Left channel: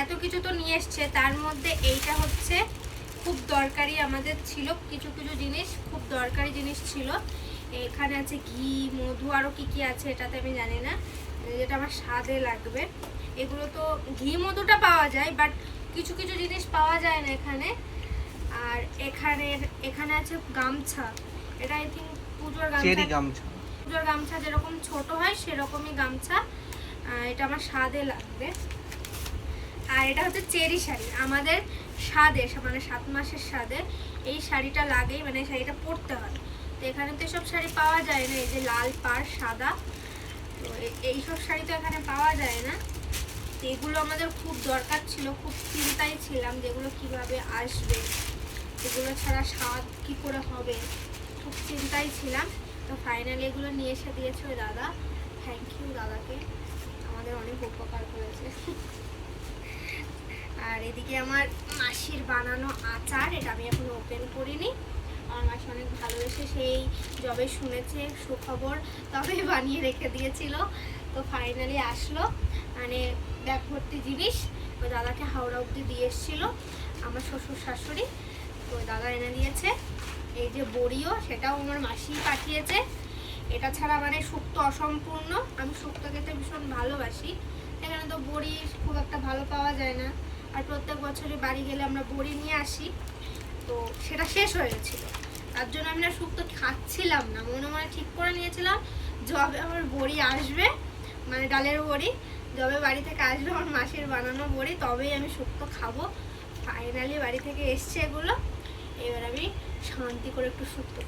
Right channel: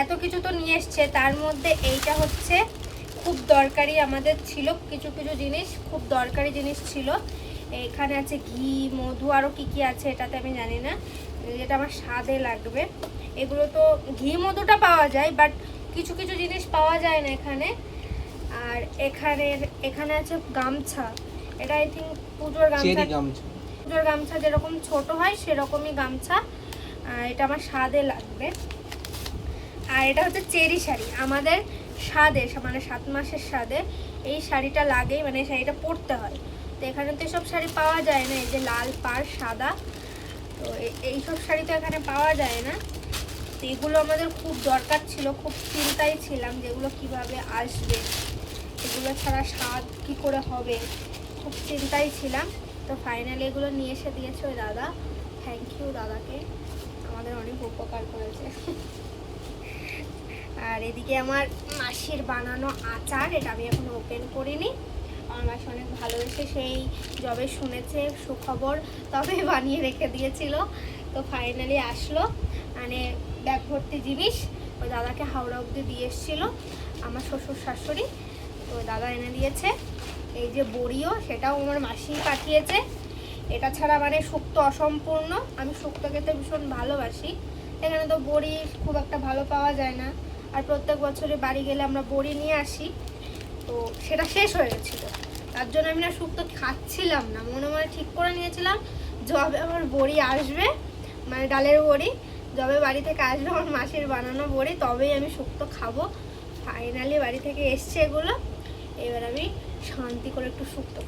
এত কিছু তো নিয়ে এসছে, তার মধ্যে এইটা হচ্ছে খুব দরকারি আমাদের ছিল, কিছু কিছু জিনিস খুব দরকারি জিনিস ছিল। এখানে আছে ঘি, মধু, আরও কী কী আছে এটাতে আমি জানি না, যেটা আমার স্বাদে লাগবে। এগুলো তো ঘি মধুটা পাওয়া যায়, বাট কিছু কিছু জিনিস পাওয়া যায় না এখানে। আর এখানে আছে গামছা, এটা আই থিঙ্ক পুজোর গামছা, পুজোর গামছা যেরকম ছোট হয় সেরকমই গামছা। এটা আমার স্বাদে লাগবে। আর এটা হচ্ছে চেরি শাড়ি, আমাদের স্বাদে মানে 7 মাসের স্বাদে এই শাড়িটা লাগেই, মানে শাড়িটা পরতে হয়। তো এখানে তো এসব শাড়ি পাওয়া যায় না, এই যে লাল পাড় সাদা, তো এইসব শাড়ি তো এখানে পাওয়া যায় না। তো এগুলো আমাদের খুব দরকার ছিল, খুব চিন্তায় ছিলাম যেগুলো কিভাবে আসবে, এগুলো ছাড়া স্বাদ কি করে হবে, খুব চিন্তায় ছিলাম। তো ফাইনালি এগুলো নিয়ে এসে দিয়েছে ওই দাদা, থ্যাংক ইউ দাদাকে, আমাদের অনেক উপকার করেছে। আর এদিকে আমার মাসির বানানো আচার, এটা আমি এখন ওপেন করিনি, আমার মাসি অনেক ভালোবেসে সেই যবে শুনেছে সুখবর তবে বানিয়ে রেখে দিয়েছিল। তো ফাইনালি আসলো, মানে ব্যাগ ভর্তি জিনিস ওই দাদাকে হাওড়া অবধি দিয়ে এসেছিলো আমার শ্বশুর শাশুড়ি, তো ওই দাদা এনে দিয়েছে। এই যে বড়িও, সেটাও আমার মাসি পাঠিয়েছে। এটা ছাড়া মানে শুক্তো অসম্পূর্ণ, আমি শুক্তো খেতে ভীষণ ভালোবাসি, এখানে তো বড়ি খুব একটা ভালো পাওয়া যায় না, আর প্রত্যেক বছরে বাড়ি গেলে আমরা বড়ি নিয়ে আসি, তো সেটা শেষ হয়ে গেছিলো, তার জন্য আমি না শুক্তো খাচ্ছিলাম না, মনে মনে ঠিক করে নিয়েছিলাম যবে আমার বড়ি আসবে, মানে ডালের বড়ি যবে বাড়ি থেকে আসবে আমার মাসির বানানো বড়ি, তবেই আমি শুক্তো খাবো। ফাইনালি বাড়ি থেকে এসছে এগুলো, এবার আমি শান্তি করে একটু শুক্তো